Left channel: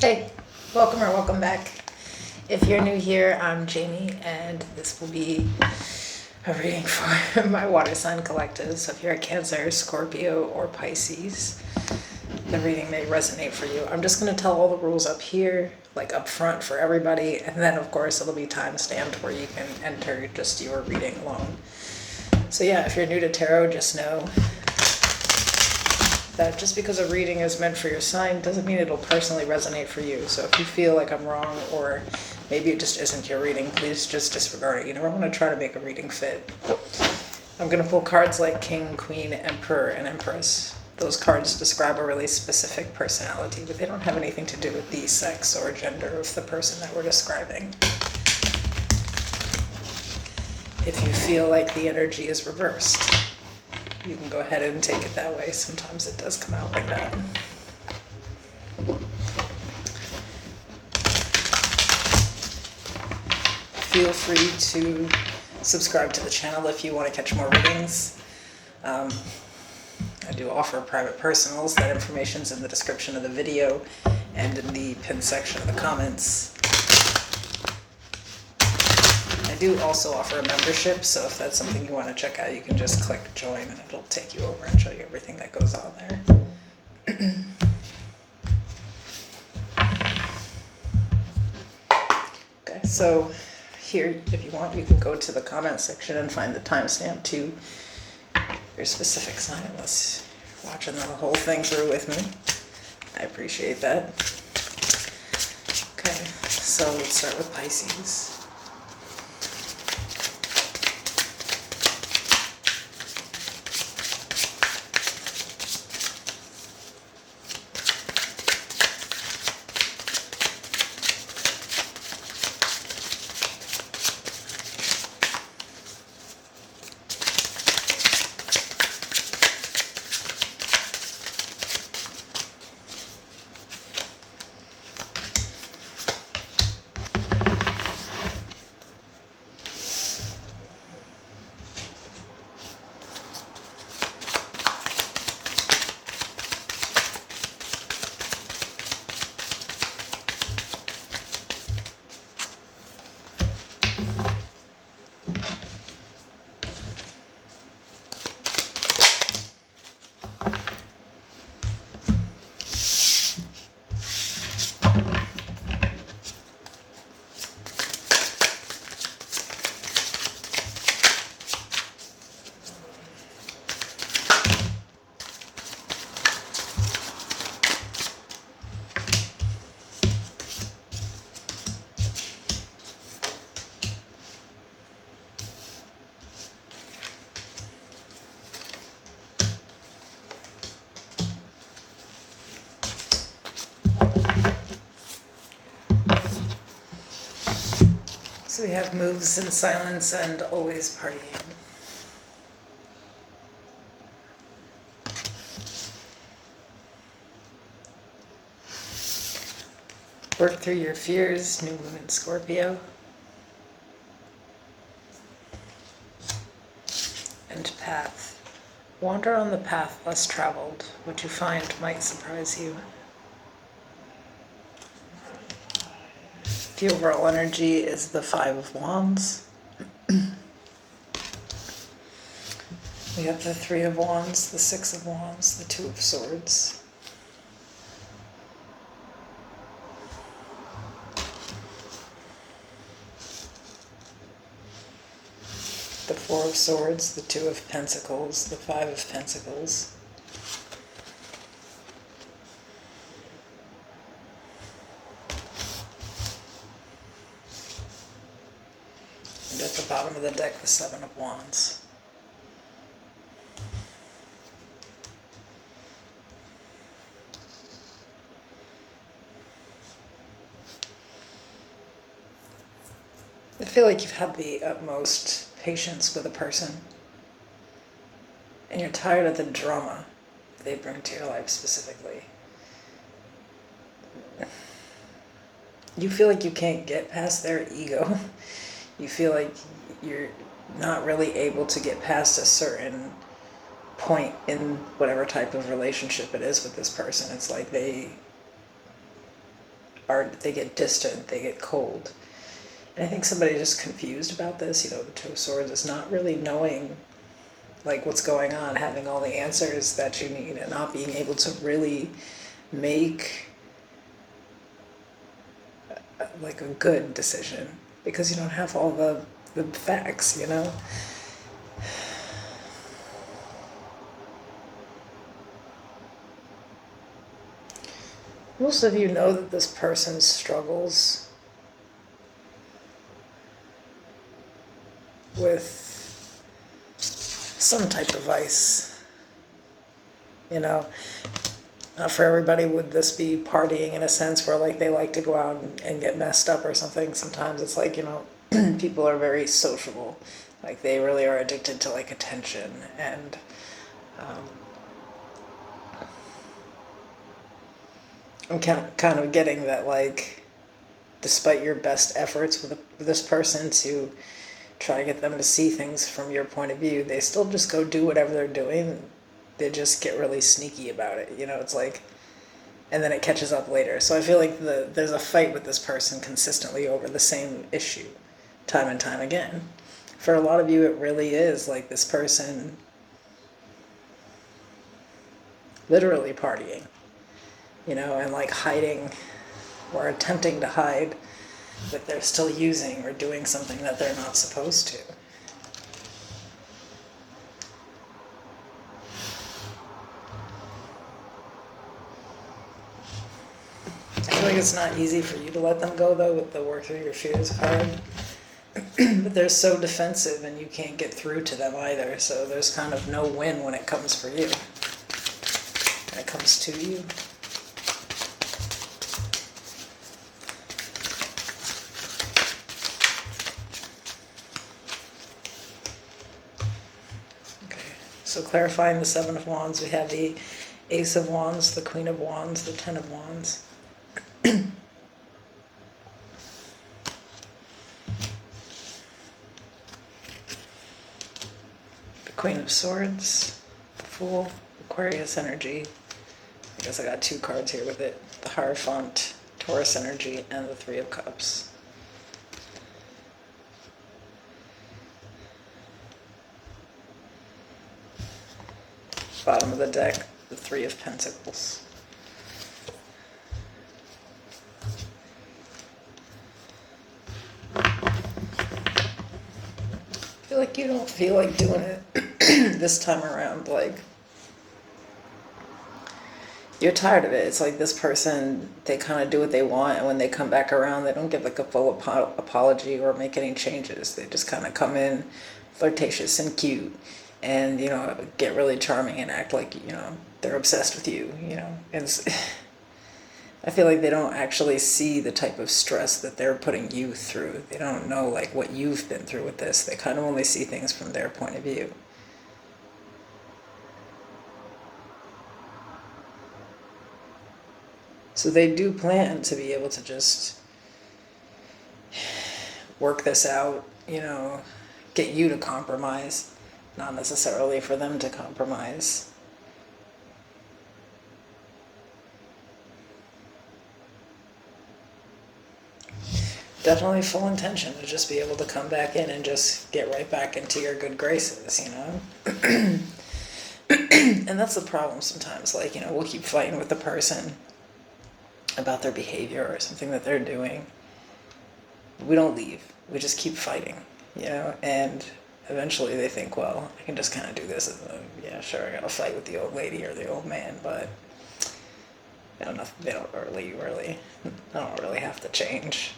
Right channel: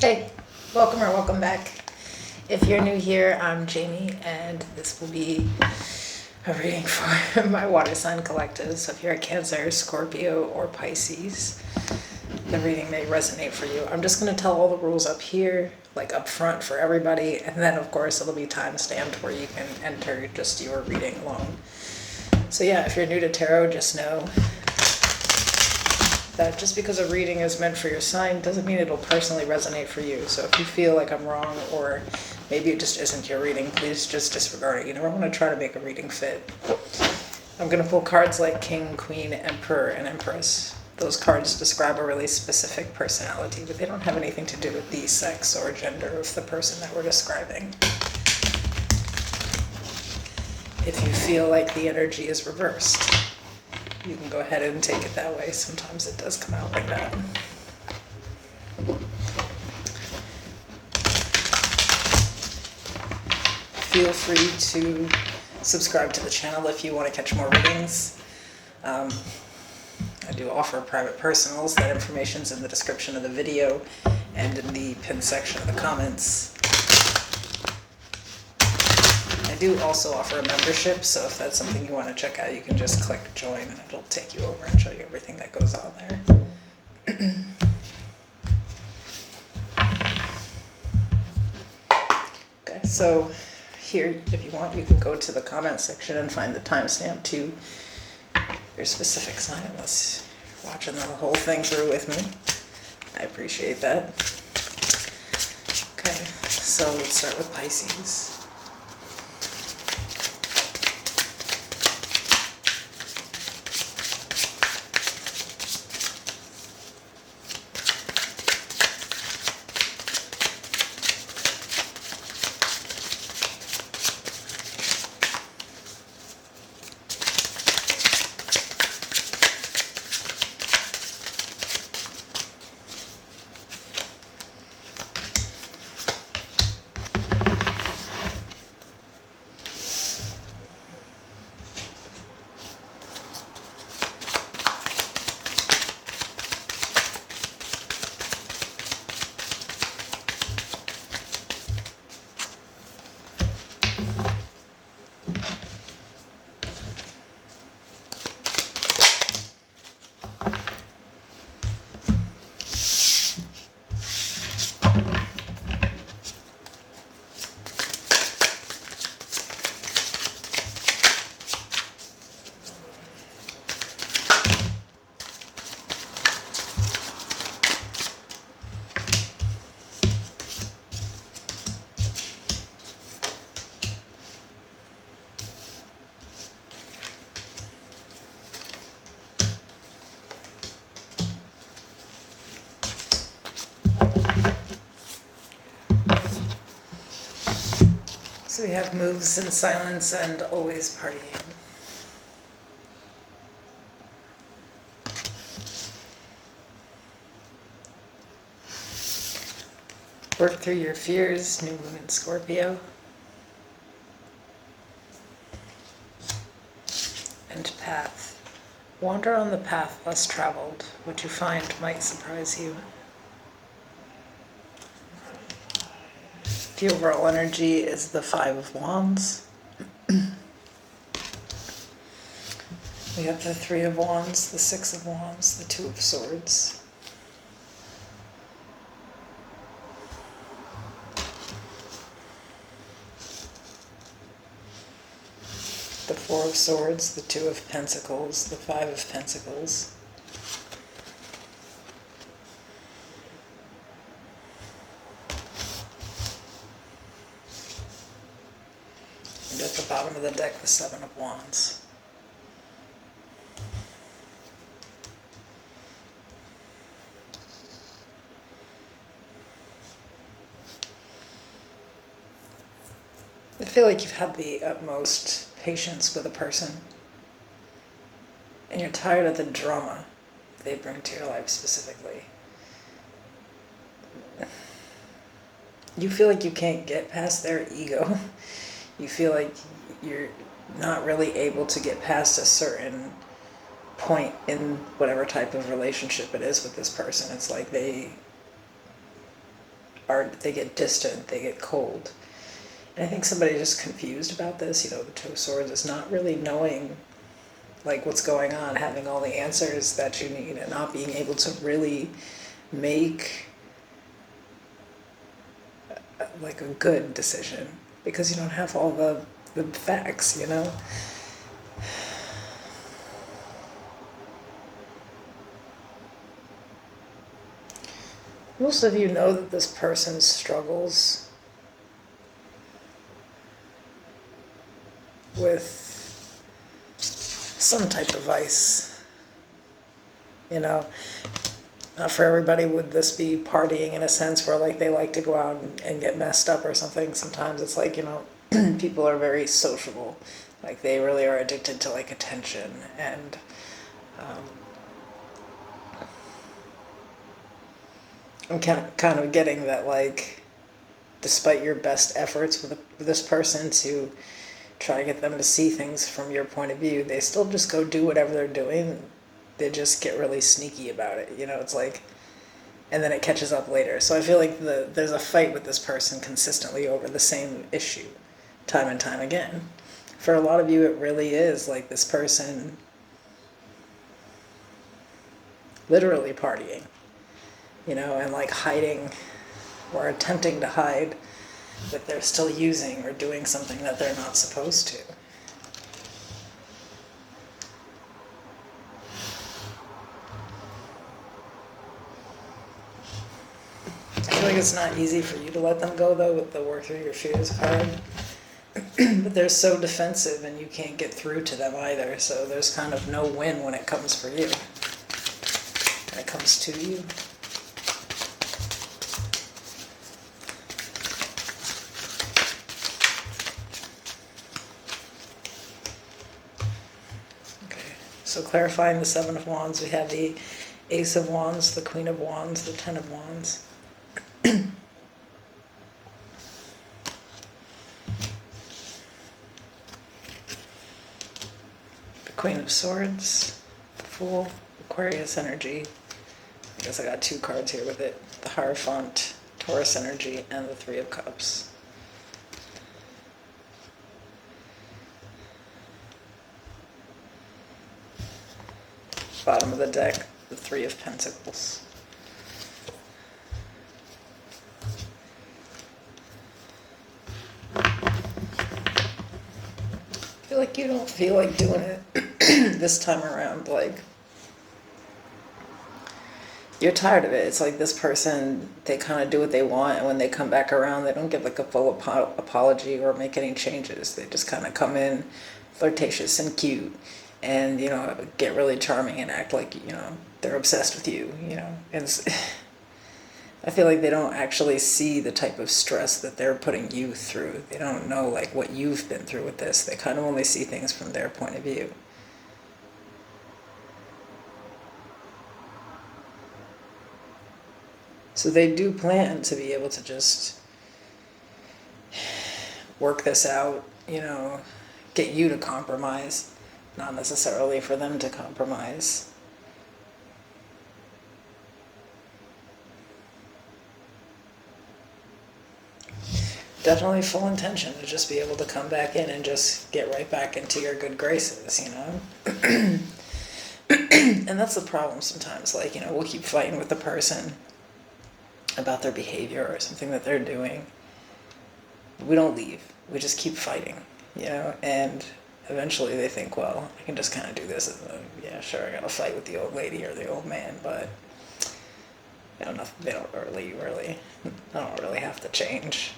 Hey, welcome or welcome back. If you're new here, I'm Jamie, and this will be a reading for my water sign collective. So if you're a Cancer, Scorpio, or Pisces, the reading may resonate for you. I'm just going to tell all the rules up here, like up front for everybody, and then of course it'll be time stamped where you can enter just your reading alone. So yeah, if you're new to tarot, just know that just because a reading is meant for your sign doesn't mean it'll personally resonate for you. So if you feel like I'm wrong, or maybe it just isn't your reading, please just disregard it. You never want to try to make a reading fit. I'm going to pull cards like King, Queen, Emperor, and Empress. Those cards describe a really specific personality, but they don't have anything to do with the sex or gender of the person that we're describing. If you feel like the energy is reversed, you can go ahead and take it that way. Sometimes it does come out like that. Feel free to subscribe to the channel if you want to catch more readings. I do offer private personals. That information's in the description of the video and in the pinned section of the comments. I do also offer a membership, so if that's something you want to check out, you can just click join and it'll take you over and show you everything that goes on there. Okay, so here, if you want, you can go to the comment section and find the timestamp to your specific sign, unless you're watching the whole thing through with me. I appreciate that. Okay, so let's start with Pisces. So we have moves in silence and always partying. Work through your fears, new moon in Scorpio. And path. Wander on the path less traveled. What you find might surprise you. The overall energy is the Five of Wands. We have the Three of Wands, the Six of Wands, the Two of Swords. The Four of Swords, the Two of Pentacles, the Five of Pentacles. And at the bottom of the deck, the Seven of Wands. I feel like you've had the utmost patience with a person, and you're tired of the drama they bring to your life specifically. You feel like you can't get past their ego. You feel like you're not really able to get past a certain point in whatever type of relationship it is with this person. It's like they they get distant, they get cold. And I think somebody just confused about this, the Two of Swords is not really knowing like what's going on, having all the answers that you need, and not being able to really make like a good decision because you don't have all the facts, Most of you know that this person struggles with some type of vice, Not for everybody would this be partying in a sense where like they like to go out and get messed up or something. Sometimes it's like, people are very sociable. Like they really are addicted to like attention and I'm kind of getting that like despite your best efforts with this person to try to get them to see things from your point of view, they still just go do whatever they're doing. They just get really sneaky about it. It's like, and then it catches up later. So I feel like there's a fight with this person consistently over the same issue time and time again. For a lot of you, it really is like this person literally partying, and like hiding or attempting to hide that they're still using or doing something that they're not supposed to. I feel like it's not easy for you to let them go, though, with the work through your fears hard. But they're so defensive and you can't get through to them either, so there's kind of no win when it comes for you. When it comes to you. Okay, so clarifying the Seven of Wands, we have the Ace of Wands, the Queen of Wands, the Ten of Wands. The Queen of Swords, the Fool, Aquarius energy. I guess I got two cards here with it. The Hierophant, Taurus energy, and the Three of Cups. Bottom of the deck, the Three of Pentacles. I feel like you don't feel like doing it this time around. Like, you're tired of it. It's like this person, they kind of do what they want, and when they come back around, they don't give like a full apology or make any changes. They just kind of come in flirtatious and cute and, get really charming and act like, they're obsessed with you, And I feel like they don't actually see the type of stress that they're putting you through. They don't know like what you've been through with this. They kind of only see things from their point of view. So they do plan to be able to just work this out, get you to compromise, not necessarily for them to compromise. Definitely full intention to just be able to come back in and just get right back into your good graces, And that's the problem sometimes. Like, we'll keep fighting with the person about their behavior or something that they're doing. We don't leave. We just keep fighting, And eventually they think, well, I can just kind of do this. Yeah, sure, I got to fight with the old lady or the old man, but they don't really have to change.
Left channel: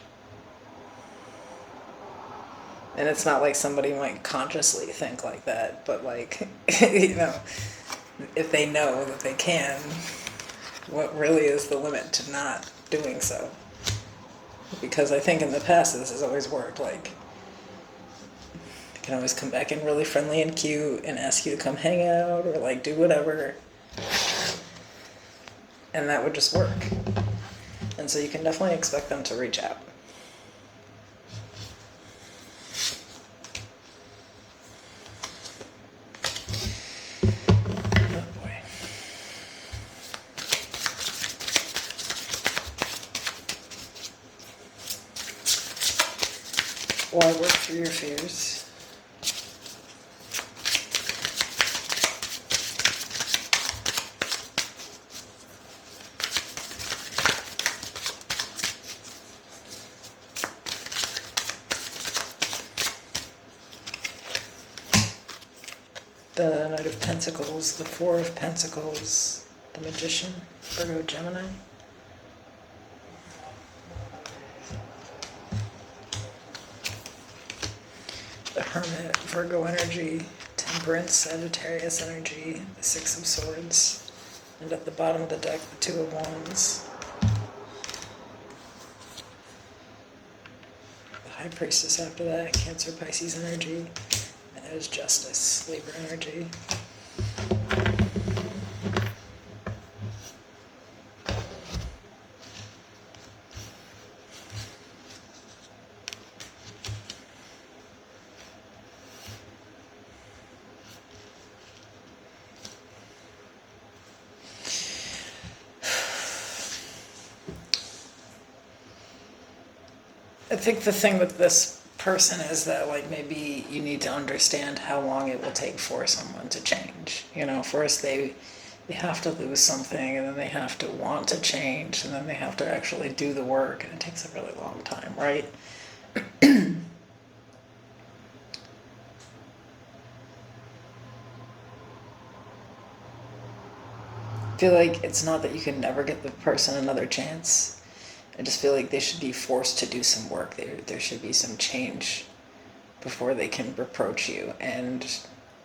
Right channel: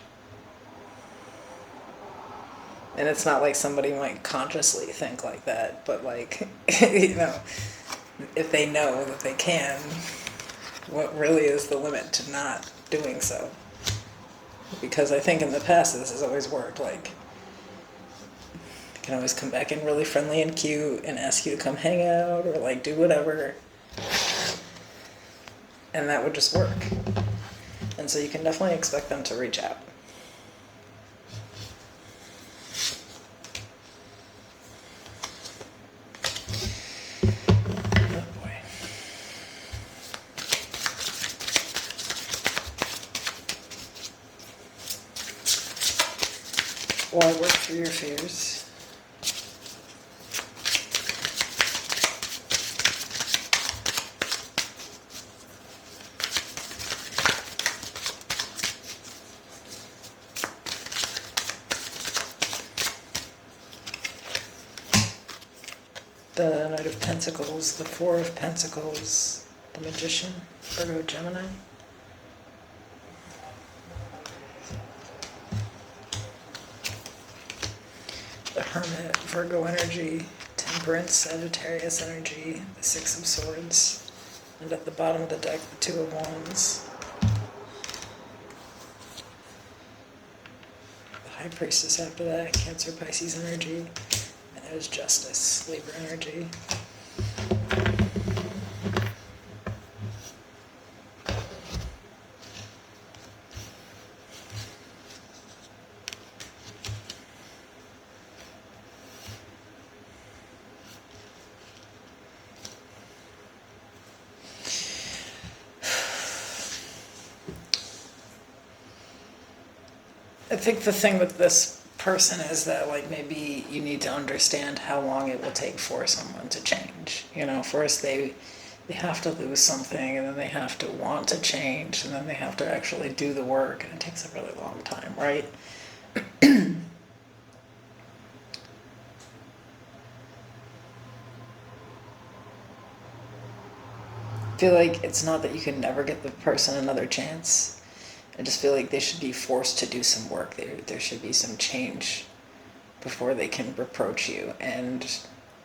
And it's not like somebody might consciously think like that, but like, if they know that they can, what really is the limit to not doing so? Because I think in the past this has always worked. Like, they can always come back in really friendly and cute and ask you to come hang out or like do whatever. And that would just work. And so you can definitely expect them to reach out. Why work through your fears? The Knight of Pentacles, the Four of Pentacles, the Magician, Virgo, Gemini. The Hermit, Virgo energy, Temperance, Sagittarius energy, the Six of Swords, and at the bottom of the deck, the Two of Wands. The High Priestess after that, Cancer, Pisces energy. There's Justice, Libra energy. I think the thing with this person is that, like, maybe you need to understand how long it will take for someone to change. You know, first they have to lose something, and then they have to want to change, and then they have to actually do the work, and it takes a really long time, right? I feel like it's not that you can never get the person another chance. I just feel like they should be forced to do some work. There should be some change before they can reproach you and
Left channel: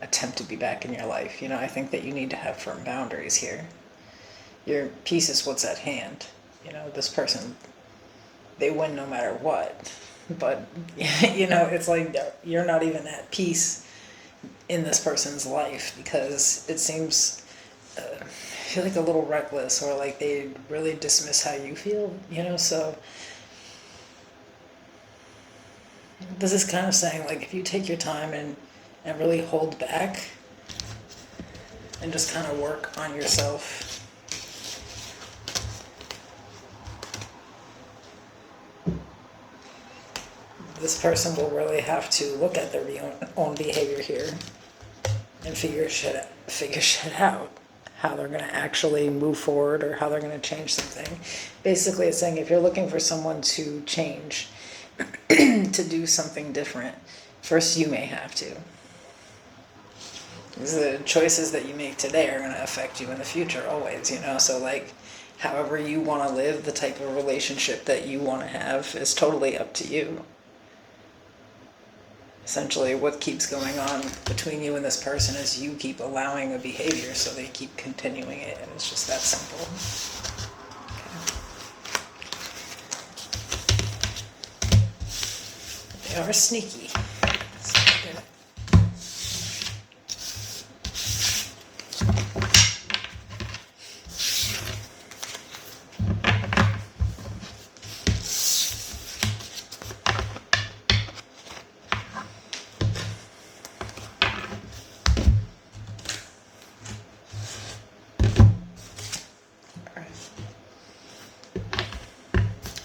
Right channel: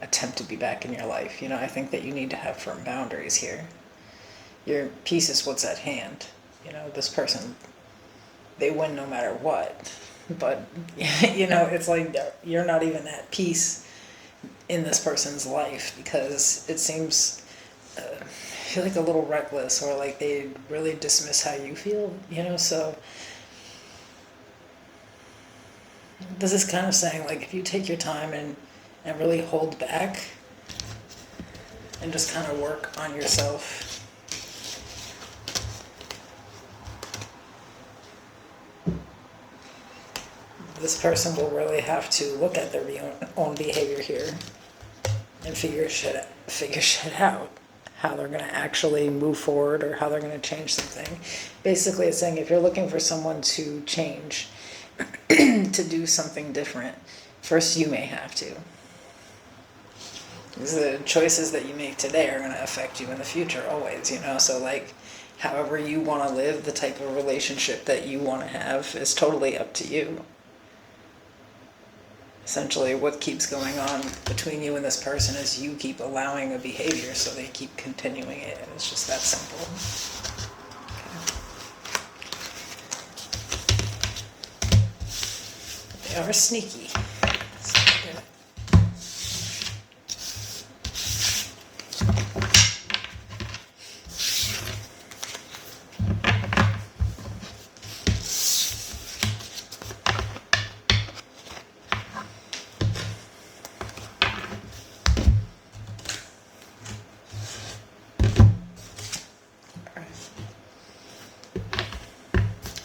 attempt to be back in your life. You know, I think that you need to have firm boundaries here. Your peace is what's at hand. You know, this person, they win no matter what. But, you know, it's like you're not even at peace in this person's life because it seems... I feel like a little reckless, or like they really dismiss how you feel, you know, so this is kind of saying, like, if you take your time and really hold back and just kind of work on yourself, this person will really have to look at their own behavior here and figure shit out. How they're going to actually move forward or how they're going to change something. Basically, it's saying if you're looking for someone to change, to do something different, first you may have to. Because the choices that you make today are going to affect you in the future always, you know? So, like, however you want to live, the type of relationship that you want to have is totally up to you. Essentially, what keeps going on between you and this person is you keep allowing a behavior, so they keep continuing it, and it's just that simple. Okay. They are sneaky.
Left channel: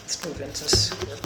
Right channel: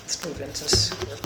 Let's move into Scorpio.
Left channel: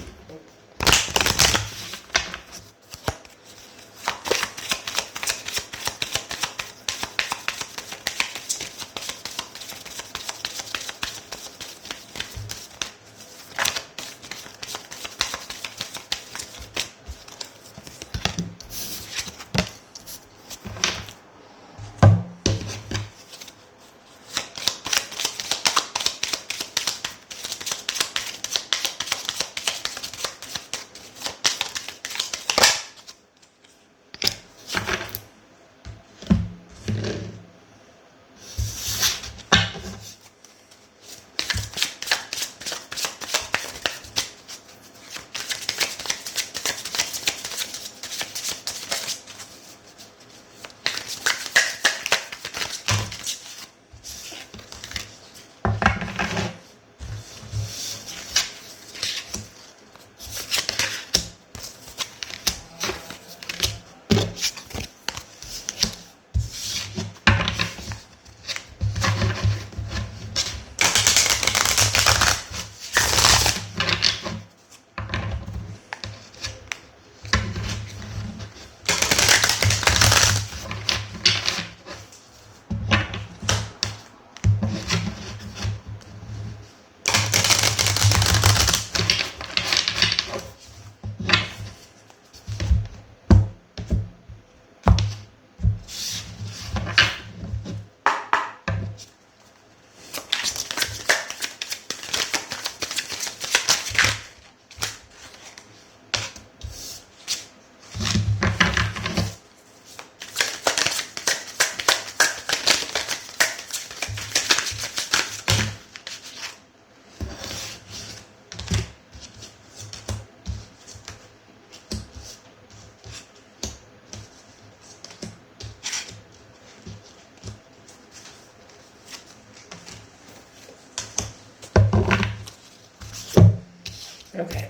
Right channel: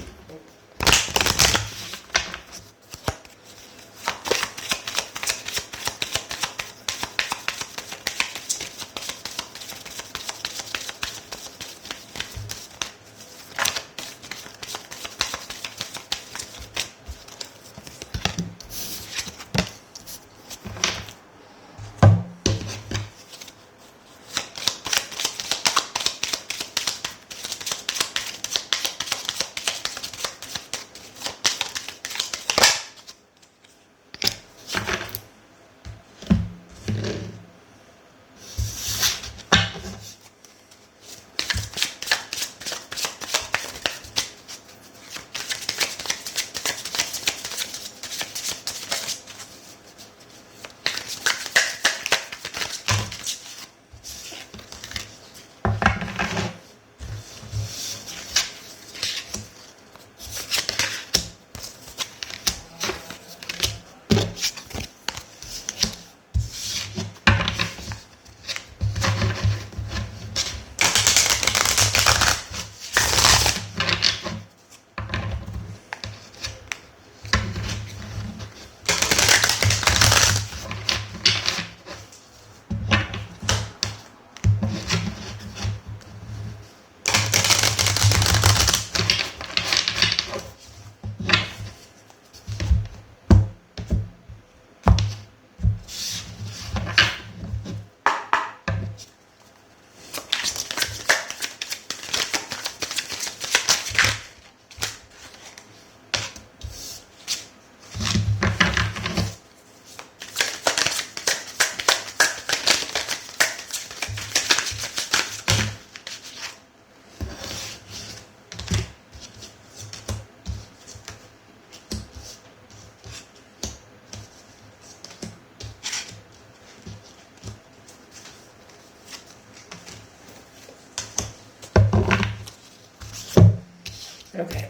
Okay,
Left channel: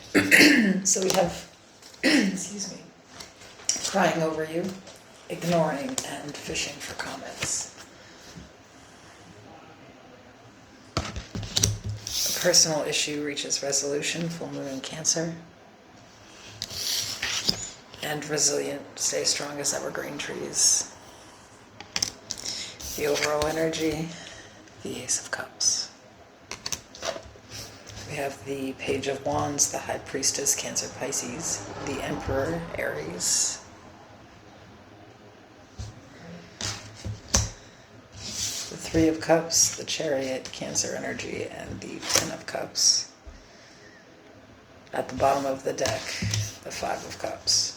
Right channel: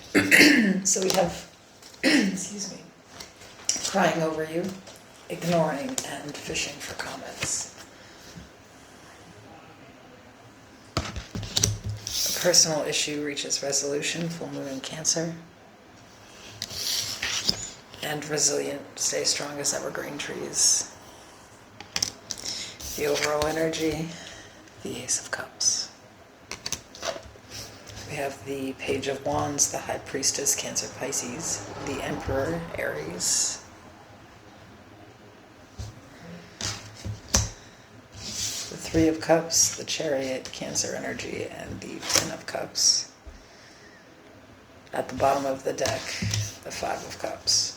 so we have, excuse me, crying over you, ignoring, and fishing for comments. A personal issue reaches resolution, full moon in Cancer. And resilient, stay strong as evergreen trees. The overall energy, the Ace of Cups. We have the Page of Wands, the High Priestess, Cancer, Pisces, the Emperor, Aries. The Three of Cups, the Chariot, Cancer energy, and the Ten of Cups. At the bottom of the deck, the Five of Cups.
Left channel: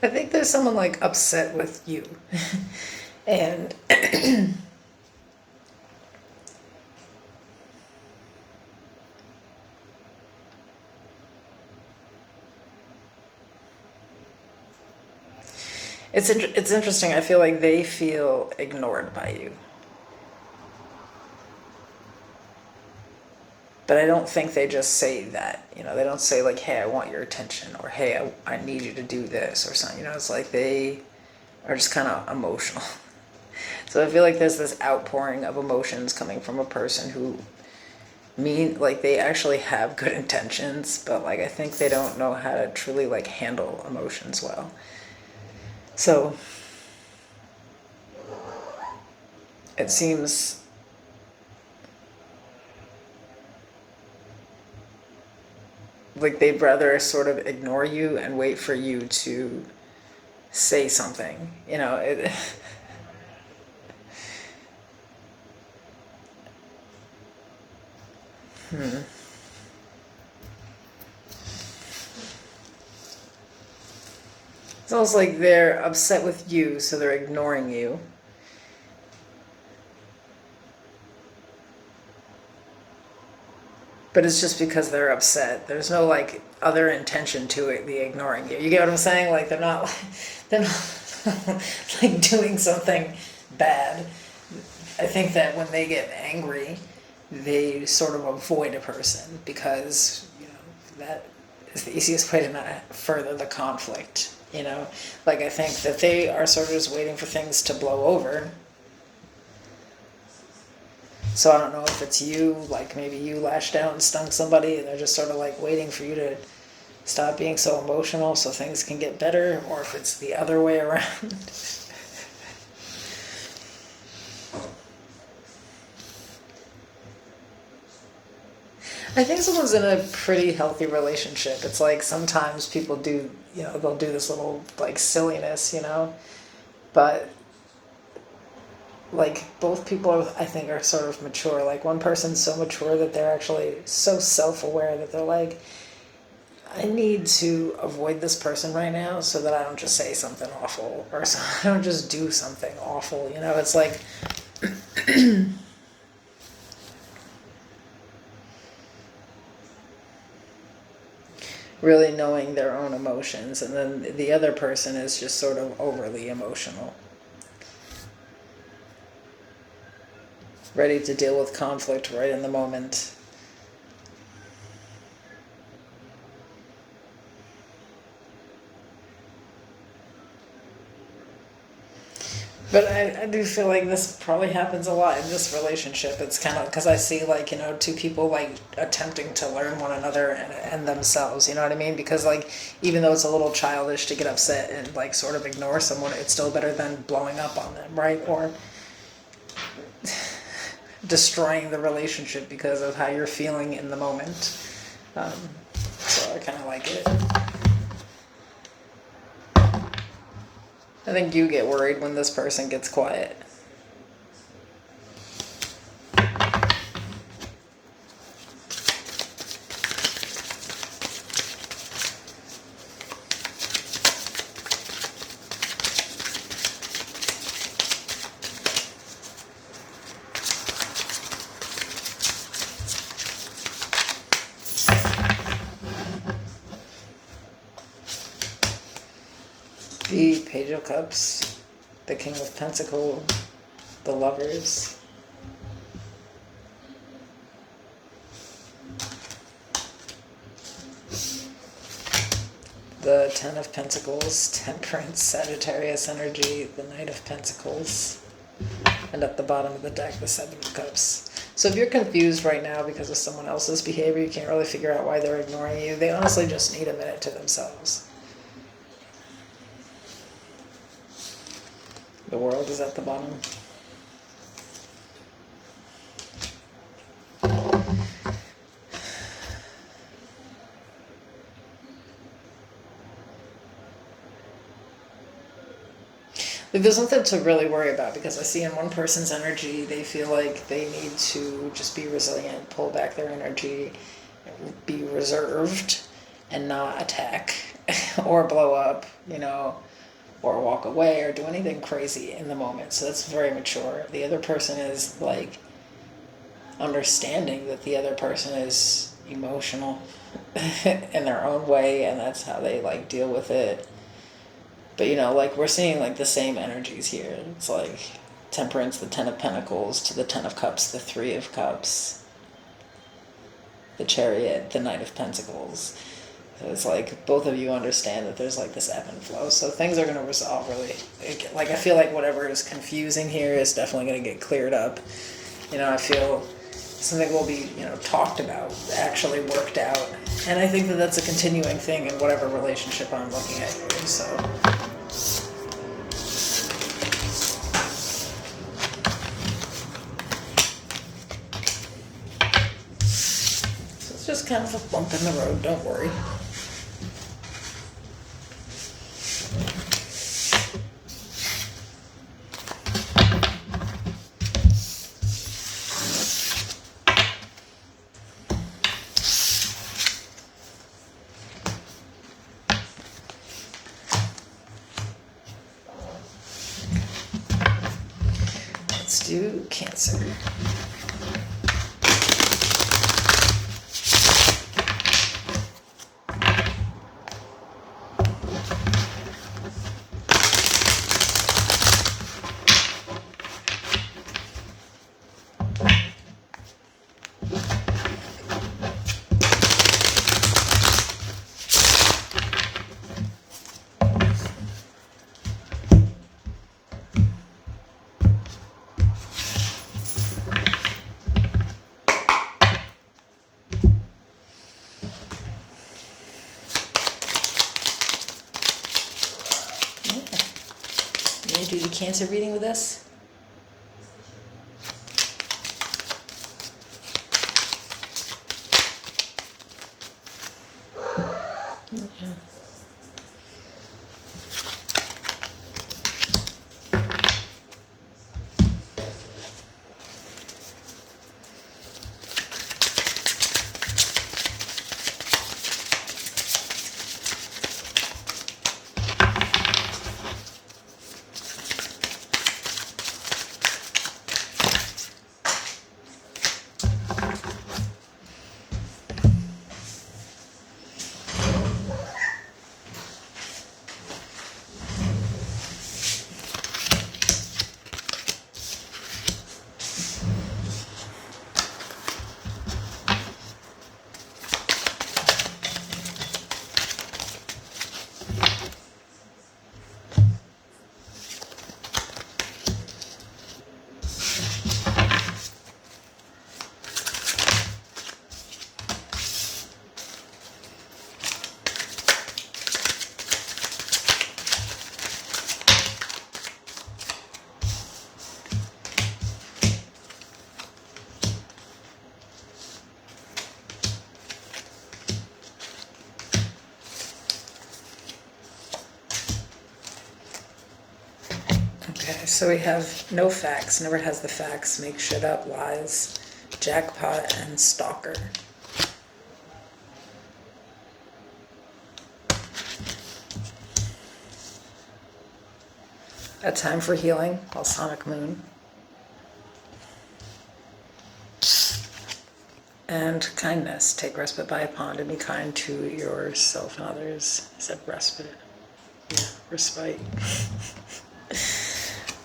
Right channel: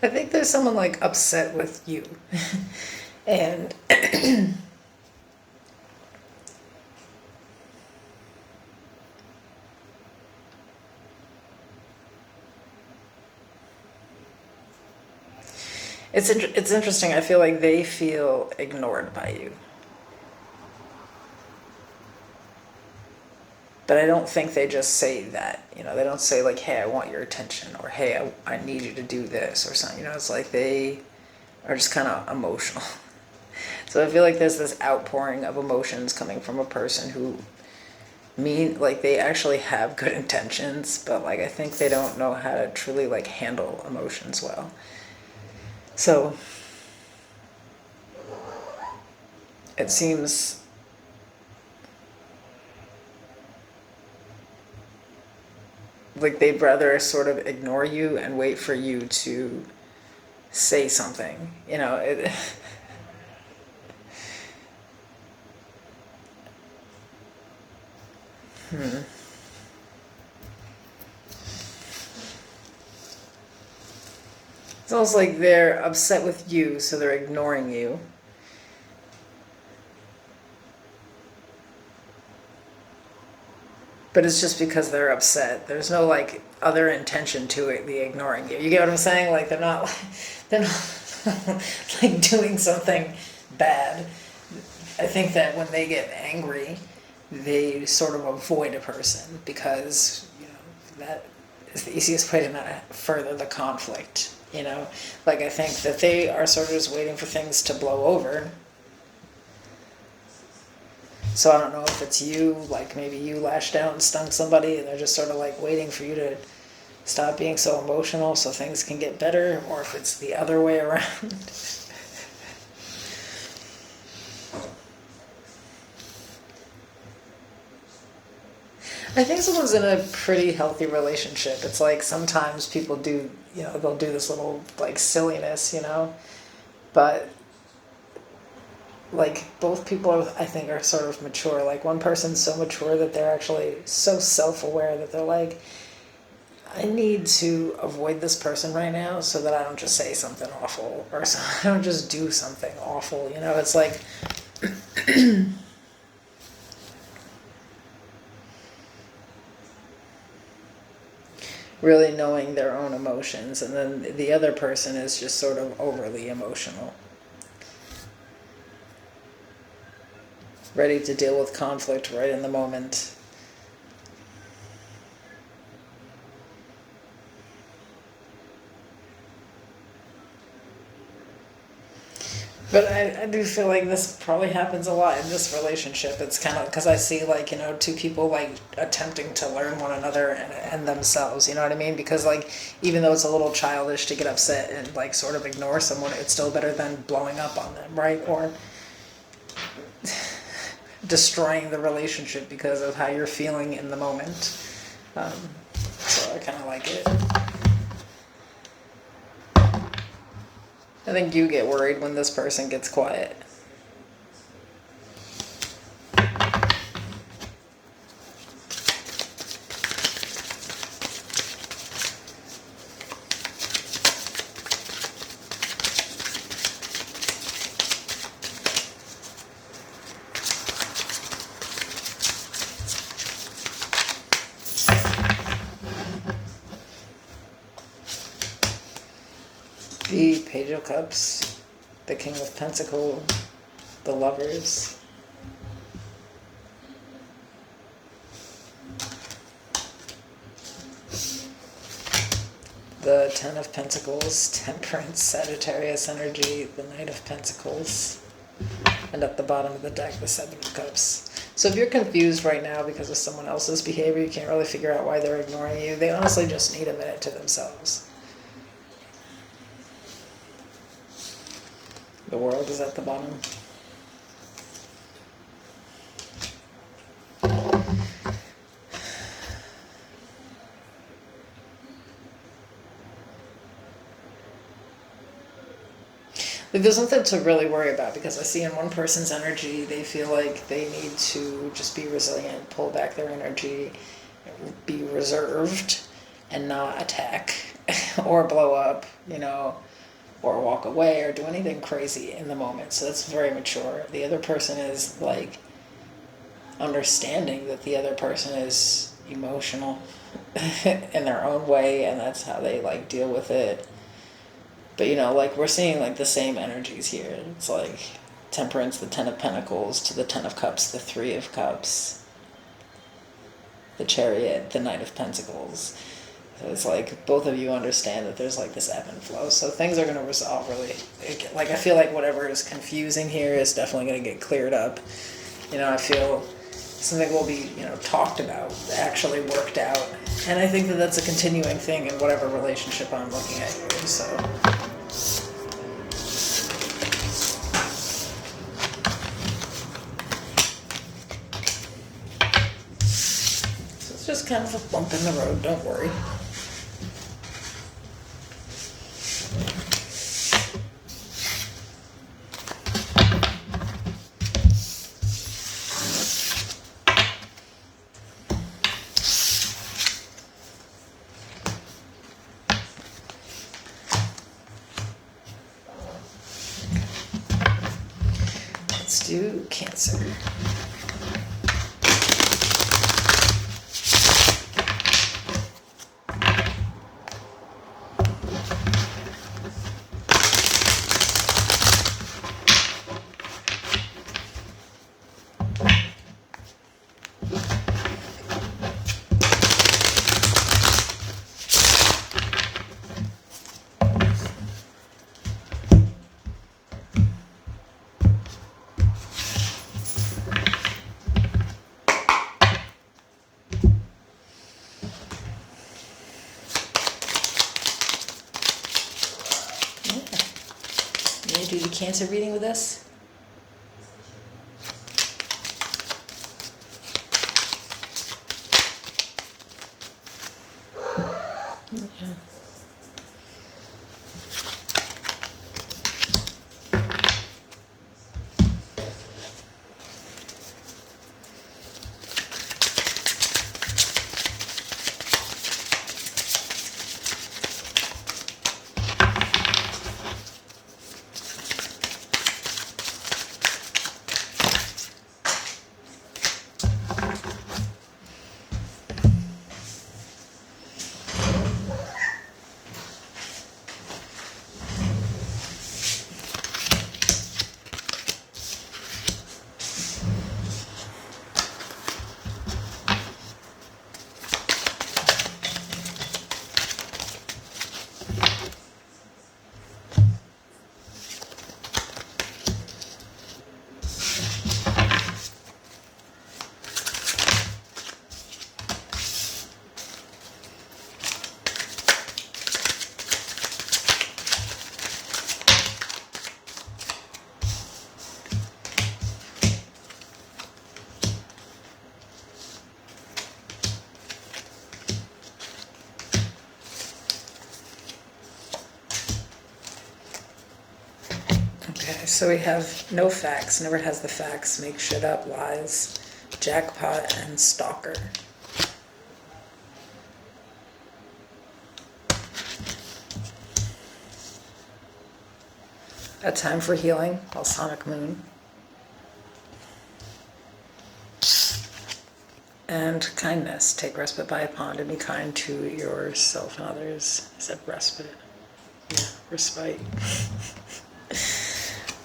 I think there's someone like upset with you. And it's interesting. I feel like they feel ignored by you. But I don't think they just say that, you know, they don't say like, hey, I want your attention, or hey, I need you to do this or something, you know, it's like they are just kind of emotional. So I feel like there's this outpouring of emotions coming from a person who like they actually have good intentions, but like I think they don't know how to truly like handle emotions well. So it seems like they'd rather sort of ignore you and wait for you to say something, you know. It's almost like they're upset with you, so they're ignoring you. But it's just because they're upset. There's no like other intention to it, the ignoring you. You get what I'm saying? Like they're not like doing something bad. I think that when they get angry, they sort of avoid a person because, you know, that is the easiest way to not further the conflict, you know? Like I think that they are sort of just waiting for things to blow over. So I don't know if it's you, like maybe you lashed out and stung somebody and they're just sort of like waiting for you to stop being so emotional so things can get better, or if it's the other way around. I think someone's in a pretty healthy relationship. It's like sometimes people do, you know, they'll do this little like silliness, you know, but like both people I think are sort of mature. Like one person's so mature that they're actually so self-aware that they're like, I need to avoid this person right now so that I don't just say something awful, or so I don't just do something awful, you know. It's like really knowing their own emotions, and then the other person is just sort of overly emotional, ready to deal with conflict right in the moment. But I do feel like this probably happens a lot in this relationship. It's kind of because I see like, you know, two people like attempting to learn one another and themselves, you know what I mean? Because like, even though it's a little childish to get upset and like sort of ignore someone, it's still better than blowing up on them, right? Or destroying the relationship because of how you're feeling in the moment. So I kind of like it. I think you get worried when this person gets quiet. Page of Cups, the King of Pentacles, the Lovers, the Ten of Pentacles, Temperance, Sagittarius energy, the Knight of Pentacles, and at the bottom of the deck, the Seven of Cups. So if you're confused right now because of someone else's behavior, you can't really figure out why they're ignoring you, they honestly just need a minute to themselves. The World is at the bottom. There's nothing to really worry about, because I see in one person's energy, they feel like they need to just be resilient, pull back their energy, be reserved, and not attack or blow up, you know, or walk away or do anything crazy in the moment. So that's very mature. The other person is like understanding that the other person is emotional in their own way, and that's how they like deal with it. But, you know, like, we're seeing, like, the same energies here. It's, like, Temperance, the Ten of Pentacles, to the Ten of Cups, the Three of Cups, the Chariot, the Knight of Pentacles. So it's, like, both of you understand that there's, like, this ebb and flow. So things are going to resolve really. Like, I feel like whatever is confusing here is definitely going to get cleared up. You know, I feel something will be, you know, talked about, actually worked out. And I think that that's a continuing thing in whatever relationship I'm looking at here, so... It's just kind of a bump in the road, don't worry. Let's do Cancer. Do the Cancer reading with us? Okay. Okay, so we have no facts, never has the facts, make shit up, lies, jackpot, and stalker. A time for healing, balsamic moon. And kindness, take respite by a pond and be kind to yourself and others. I said respite. Yeah, respite.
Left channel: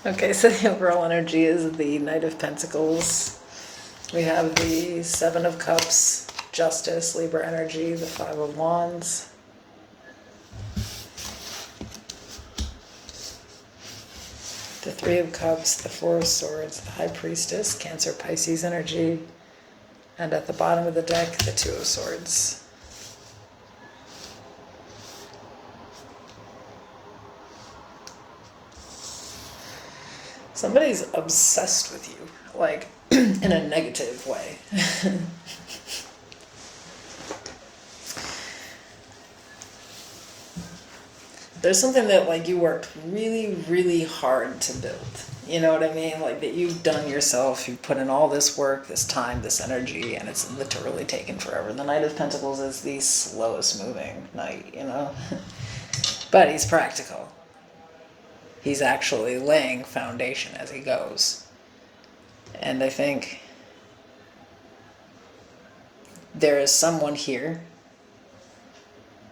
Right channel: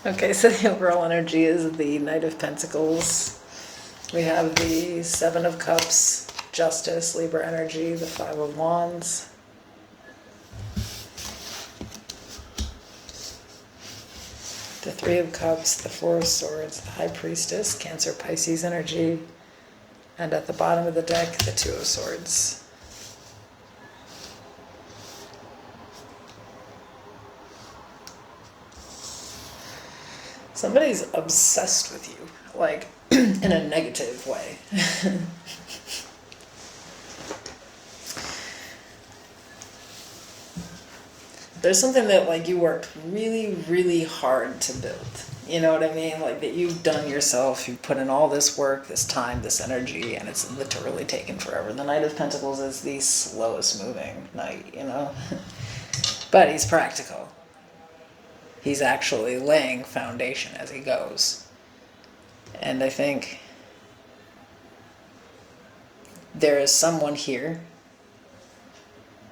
Okay, so the overall energy is the Knight of Pentacles. We have the Seven of Cups, Justice, Libra energy, the Five of Wands. The Three of Cups, the Four of Swords, the High Priestess, Cancer, Pisces energy. And at the bottom of the deck, the Two of Swords. Somebody's obsessed with you, like, in a negative way. There's something that, like, you worked really, really hard to build. You know what I mean? Like, that you've done yourself, you've put in all this work, this time, this energy, and it's literally taken forever. The Knight of Pentacles is the slowest moving knight, you know? But he's practical. He's actually laying foundation as he goes. And I think there is someone here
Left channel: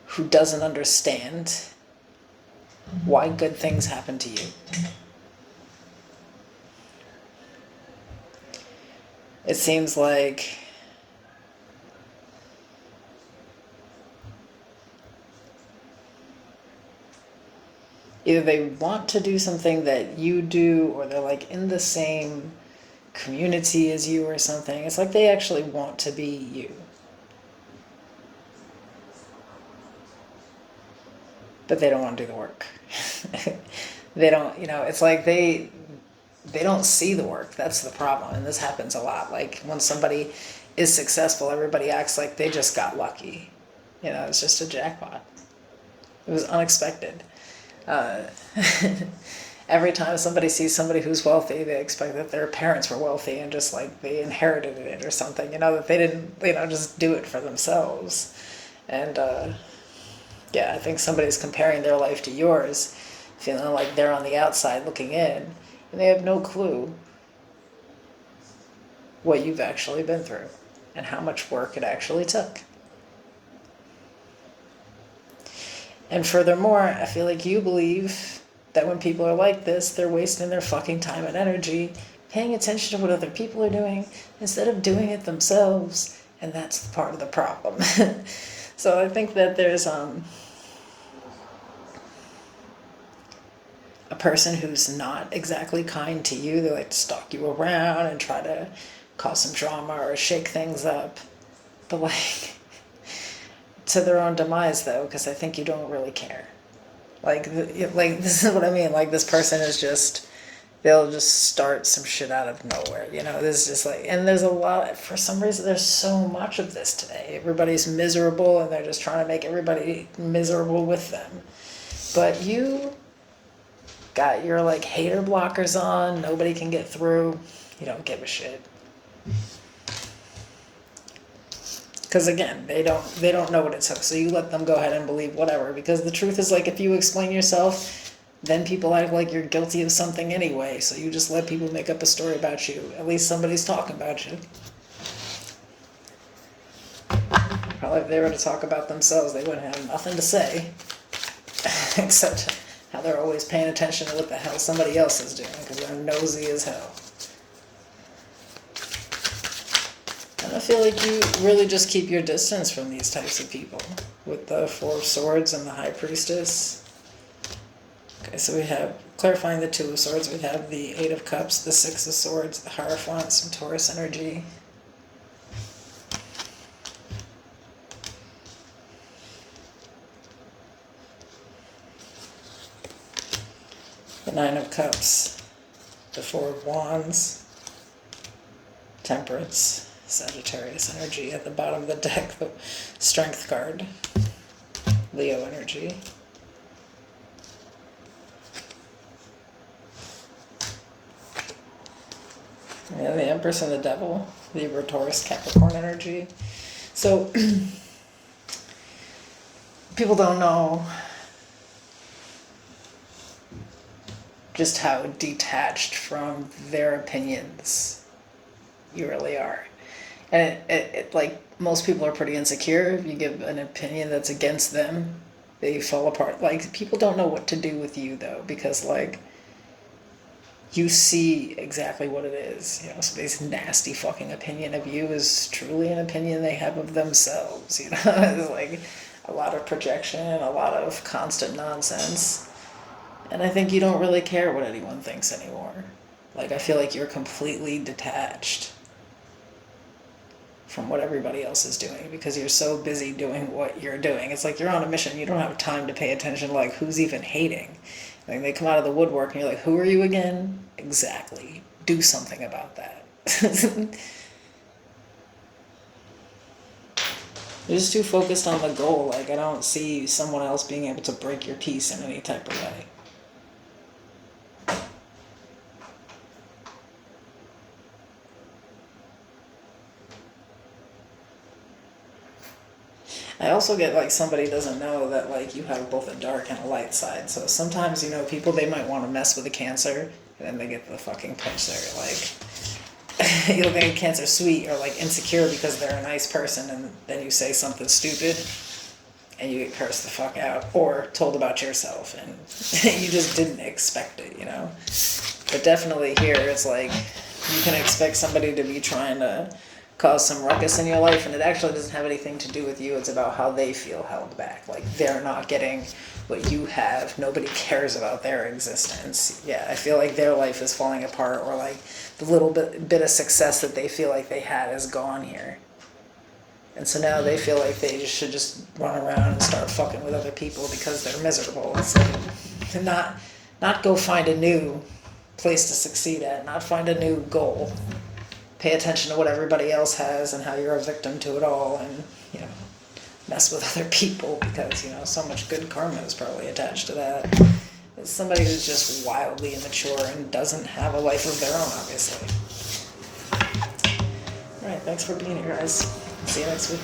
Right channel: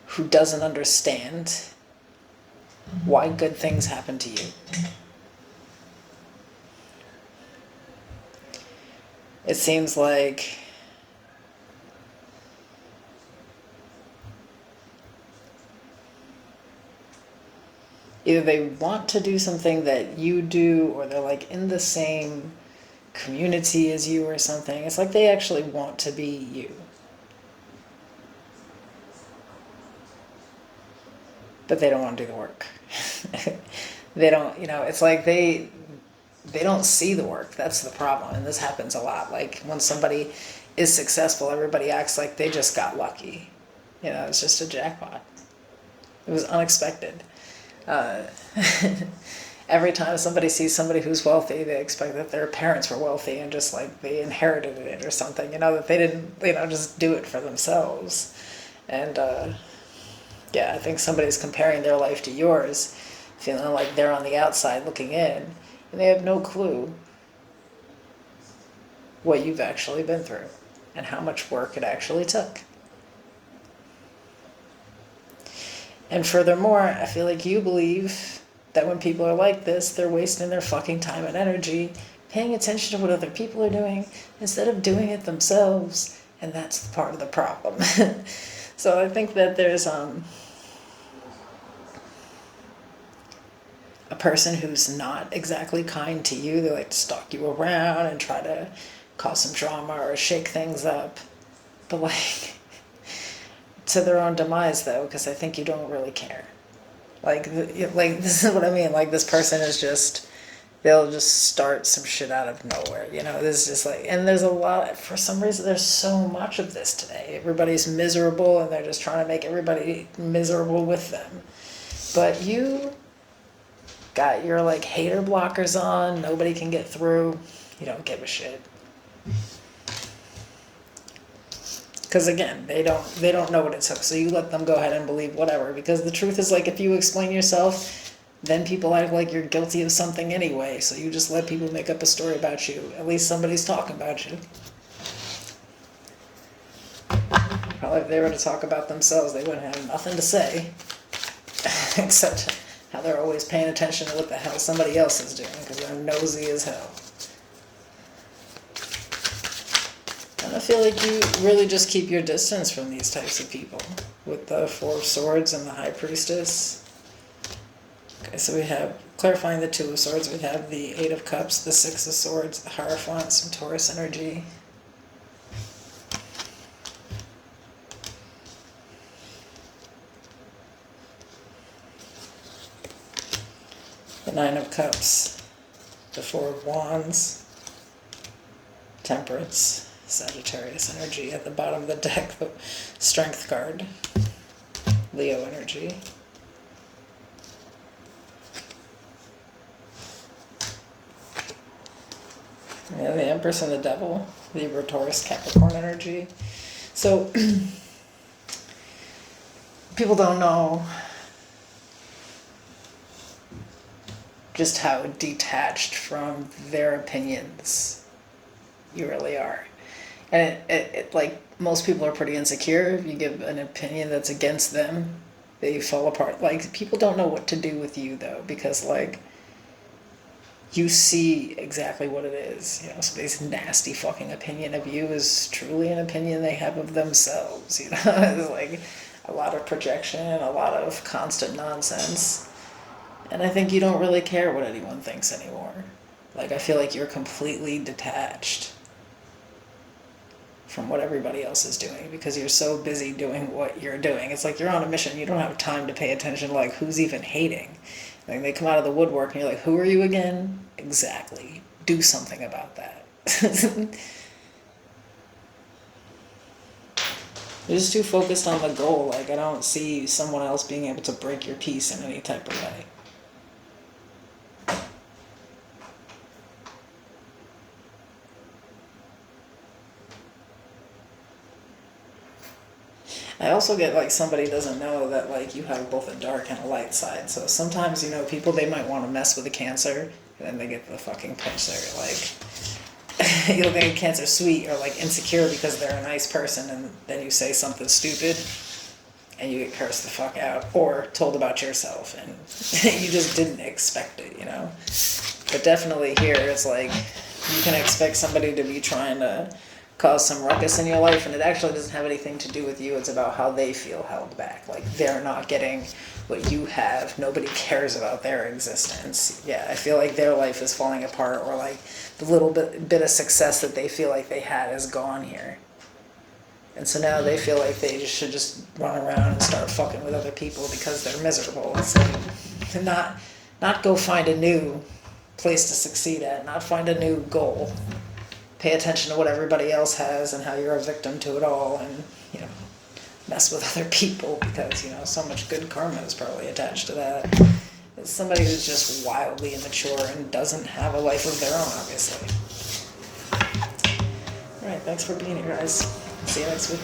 who doesn't understand why good things happen to you. It seems like either they want to do something that you do, or they're like in the same community as you or something. It's like they actually want to be you. But they don't want to do the work. They don't, you know, it's like they don't see the work. That's the problem. And this happens a lot. Like when somebody is successful, everybody acts like they just got lucky. You know, it's just a jackpot. It was unexpected. Every time somebody sees somebody who's wealthy, they expect that their parents were wealthy and just like they inherited it or something, you know, that they didn't, you know, just do it for themselves. And yeah, I think somebody's comparing their life to yours, feeling like they're on the outside looking in, and they have no clue what you've actually been through and how much work it actually took. And furthermore, I feel like you believe that when people are like this, they're wasting their fucking time and energy paying attention to what other people are doing instead of doing it themselves, and that's part of the problem. So I think that there's a person who's not exactly kind to you. They like to stalk you around and try to cause some drama or shake things up. But like, to their own demise though, because I think you don't really care. Like this is what I mean. Like this person is just, they'll just start some shit out of nowhere. You know, this is just like, and there's a lot, for some reason, there's so much of this today. Everybody's miserable and they're just trying to make everybody miserable with them. But you got your like hater blockers on, nobody can get through, you don't give a shit. Because again, they don't know what it took, so you let them go ahead and believe whatever. Because the truth is, like, if you explain yourself, then people act like you're guilty of something anyway. So you just let people make up a story about you. At least somebody's talking about you. Probably if they were to talk about themselves, they wouldn't have nothing to say, except how they're always paying attention to what the hell somebody else is doing, because they're nosy as hell. And I feel like you really just keep your distance from these types of people with the Four of Swords and the High Priestess. Okay, so we have, clarifying the Two of Swords, we have the Eight of Cups, the Six of Swords, the Hierophant, some Taurus energy. The Nine of Cups, the Four of Wands, Temperance, Sagittarius energy. At the bottom of the deck, the Strength card, Leo energy. Yeah, the Empress and the Devil, Libra, Taurus, Capricorn energy. So, people don't know just how detached from their opinions you really are. And it like, most people are pretty insecure. If you give an opinion that's against them, They fell apart. Like, people don't know what to do with you, though, because, like, you see exactly what it is. You know, somebody's nasty fucking opinion of you is truly an opinion they have of themselves. You know, it's like a lot of projection, a lot of constant nonsense. And I think you don't really care what anyone thinks anymore. Like, I feel like you're completely detached from what everybody else is doing because you're so busy doing what you're doing. It's like you're on a mission. You don't have time to pay attention to, like, who's even hating. Like, they come out of the woodwork and you're like, who are you again? Exactly. Do something about that. You're just too focused on the goal. Like, I don't see someone else being able to break your peace in any type of way. I also get, like, somebody doesn't know that, like, you have both a dark and a light side. So sometimes, you know, people, they might want to mess with a Cancer, and then they get the fucking punch there. Like, you'll think a Cancer sweet or, like, insecure because they're a nice person, and then you say something stupid, and you get cursed the fuck out, or told about yourself, and you just didn't expect it, you know? But definitely here, it's like, you can expect somebody to be trying to cause some ruckus in your life, and it actually doesn't have anything to do with you. It's about how they feel held back. Like, they're not getting what you have. Nobody cares about their existence. Yeah, I feel like their life is falling apart, or like the little bit of success that they feel like they had is gone here. And so now they feel like they should just run around and start fucking with other people because they're miserable. It's like, not go find a new place to succeed at, not find a new goal. Pay attention to what everybody else has and how you're a victim to it all, and, you know, mess with other people because, you know, so much good karma is probably attached to that. It's somebody who's just wildly immature and doesn't have a life of their own, obviously. Alright, thanks for being here, guys. See you next week.